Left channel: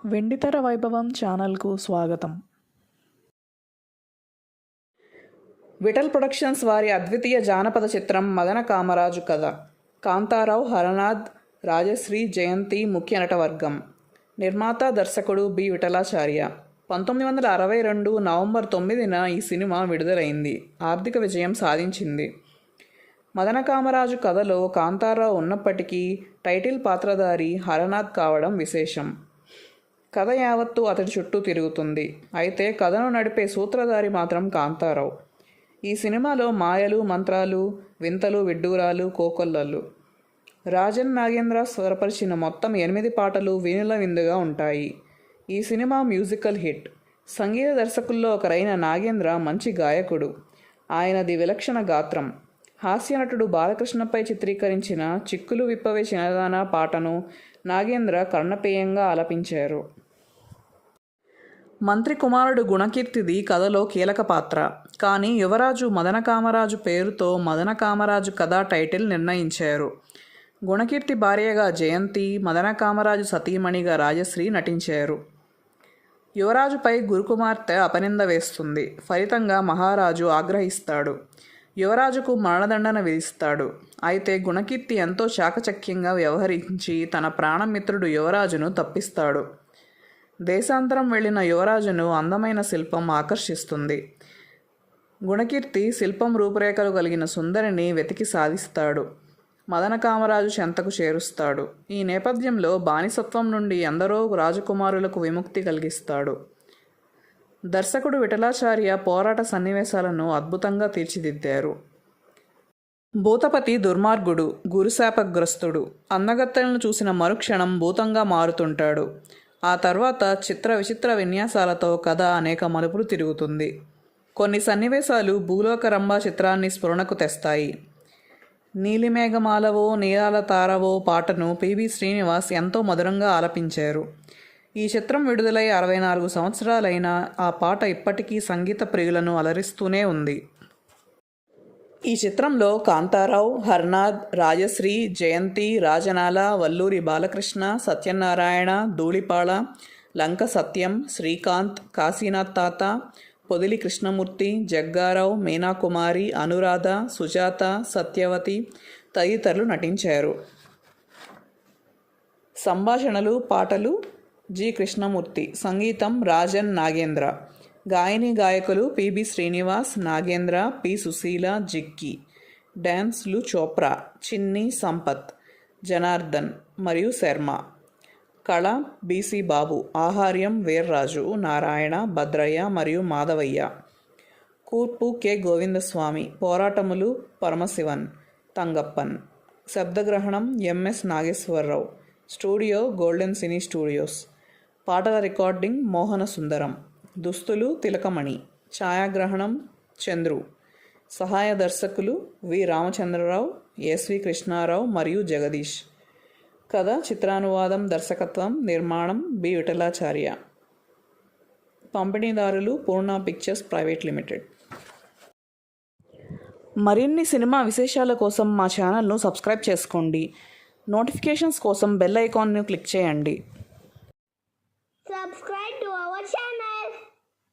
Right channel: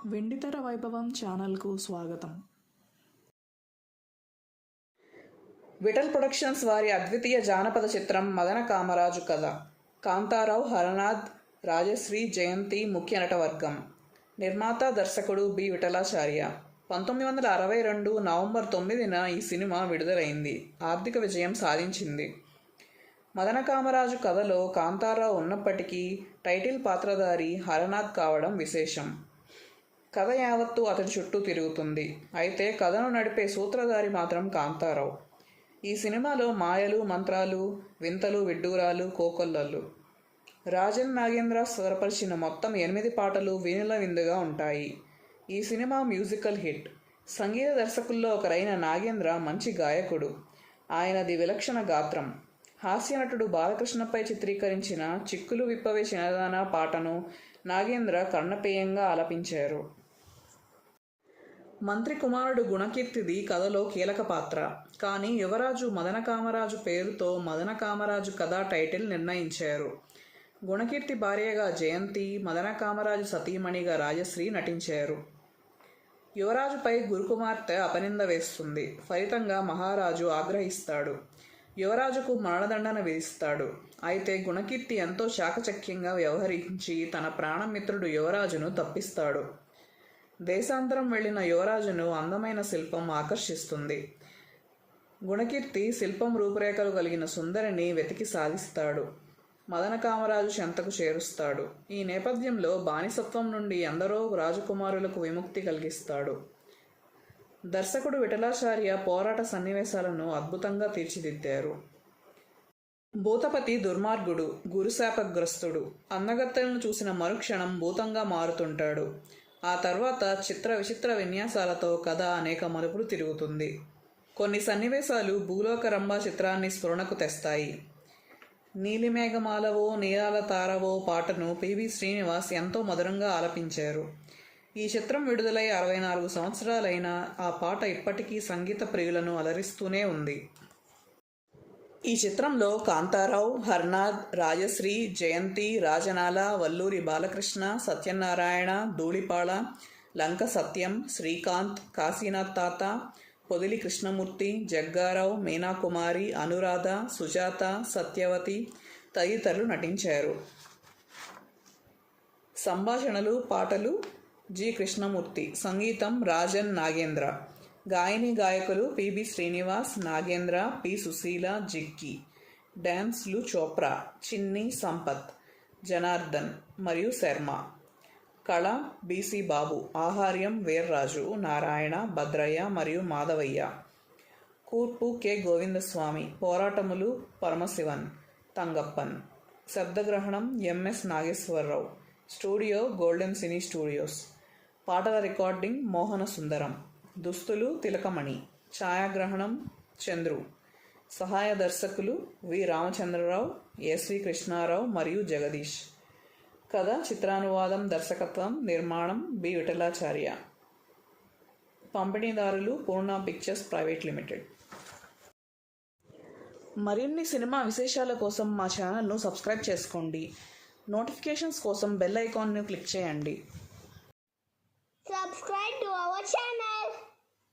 వెండితెర వైభవం ఛానల్కు స్వాగతం. విఠల్ ప్రొడక్షన్స్ వారి అద్వితీయ జానపద చిత్రం మదన కామరాజు కథ. కాంతారావు, హరనాథ్, రాజశ్రీ, జయంతి ముఖ్య నటవర్గం. నిర్మాత, దర్శకుడు బి. విఠలాచార్య. 1962 నవంబర్ 9న ఈ సినిమా విడుదలైంది. ఆర్థిక విజయం సాధించింది. మదన కామరాజు కథలో కాంతారావు ఉన్నప్పటికీ టైటిల్ పాత్రధారి హరనాథ్ కావడం విశేషం. కథ యావత్తు అతడి చుట్టూ తిరుగుతుంది. అయితే కథను నడిపే సూత్రధారి మాత్రం కాంతారావు. ఈ సినిమాలో మాయలు, మంత్రాలు, వింతలు, విడ్డూరాలు, కోకొల్లలు. రాజన్ నాగేంద్ర స్వరపరిచిన మొత్తం 8 పాటలు వీణుల విందుగా ఉంటాయి. ఈ సినిమా మ్యూజికల్ హిట్. సంగీత దర్శకుల్లో ఒకరైన నాగేంద్ర మంచి గాయకుడు. ఆయనది విలక్షణ గాత్రం. హాస్యనటుడు బాలకృష్ణపై చిత్రీకరించిన చిక్కులు విప్పవే చిన్నదానా పాటను నాగేంద్ర కర్ణపేయంగా ఆలపించారు. మంత్రి కుమారుడు గుణకీర్తిది కథలో కీలక పాత్ర. కానీ యువరాజు మదన కామరాజు పేరుతో మదన కామరాజు కథ టైటిల్ నిర్ణయించారు. గుణకీర్తి భార్యగా జయంతి, మదన కామరాజు సతీమణిగా రాజశ్రీ నటించారు. యువరాజుపై గురుకుమార్తె అపనింద వేస్తుంది. ఫలితంగా మహారాజు ఆగ్రహిస్తాడు. యువరాజుకు మరణదండన విధిస్తాడు. అయితే గుణకీర్తి ఎంతో చాకచక్యంగా వ్యవహరించి తన ప్రాణమిత్రుడు యువరాజును తప్పిస్తాడు. దేశాంతరం వెళ్ళిన యువరాజును అందమైన శిల్పం ఆకర్షిస్తుంది. గుణకీర్తి శిల్పం రూపురేఖలు కలిగిన సుందరిని వెతికి సాధిస్తాడు. మదన కామరాజు చెంతకు చేరుస్తాడు. ఈ నేపథ్యంలో బానిసత్వం నుండి ఎందరో రాజకుమారులకు విముక్తి కలిగిస్తాడు. దర్శకుడు విఠలాచార్య పోరాట సన్నివేశాలను అద్భుతంగా తీర్చిదిద్దారు. భూతపతి దుర్మార్గుడు, గురుశాపగ్రస్తుడు. అందగత్తెలను చూసిన మరుక్షణం భూతంగా మారుతుంటాడు. ఆ తర్వాత చిత్ర విచిత్ర విన్యాసాలతో కథ అనేక మలుపులు తిరుగుతుంది. కొన్ని సన్నివేశాలు భూలోక రంభ చిత్రాన్ని స్ఫురణకు తెస్తాయి. నీలిమేఘమాలవో నీలాల తారవో పాటను పిబి శ్రీనివాస్ ఎంతో మధురంగా ఆలపించారు. ఈ చిత్రం విడుదలై 64 సంవత్సరాలైనా ఆ పాట ఇప్పటికీ సంగీత ప్రియులను అలరిస్తూనే ఉంది. ఈ చిత్రంలో కాంతారావు, హర్నాథ్, రాజశ్రీ, జయంతి, రాజనాల, వల్లూరి బాలకృష్ణ, సత్యనారాయణ, ధూళిపాళ, లంక సత్యం, శ్రీకాంత్, కాశీనాథ్ తాత, పొదిలి కృష్ణమూర్తి, జగ్గారావు, మీనాకుమారి, అనురాధ, సుజాత, సత్యవతి తదితరులు నటించారు. సంభాషణలు, పాటలు జి. కృష్ణమూర్తి, సంగీతం రాజన్ నాగేంద్ర. గాయని గాయకులు పిబి శ్రీనివాస్, నాగేంద్ర, పి. సుశీల, జిక్కి. డ్యాన్స్లు చోప్రా, చిన్ని, సంపత్, జనార్దన్ మరియు శర్మ. కళ బిసి బాబు, ఆహార్యం వీర్రాజు, నారాయణ, భద్రయ్య మరియు మాధవయ్య. కూర్పు కె. గోవిందస్వామి, పోరాటములు పరమశివన్, తంగప్పన్. శబ్దగ్రహణం MS Nageswara Rao. Studio golden cine studios. పాటల రికార్డింగ్ మోహన సుందరం. దుస్తులు తిలకమణి. ఛాయాగ్రహణం చంద్రు. సహాయ దర్శకులు వి. రామచంద్రరావు, ఎస్వి కృష్ణారావు మరియు జగదీష్. కథ, చిత్రానువాదం, దర్శకత్వం, నిర్మాణం బి. విఠలాచార్య. పంపిణీదారులు పూర్ణ పిక్చర్స్ ప్రైవేట్ లిమిటెడ్. మరిన్ని సినిమా విశేషాల కోసం మా ఛానల్ను సబ్స్క్రైబ్ చేసుకోండి. నోటిఫికేషన్స్ కోసం బెల్ ఐకాన్ను క్లిక్ చేయండి. Subscribe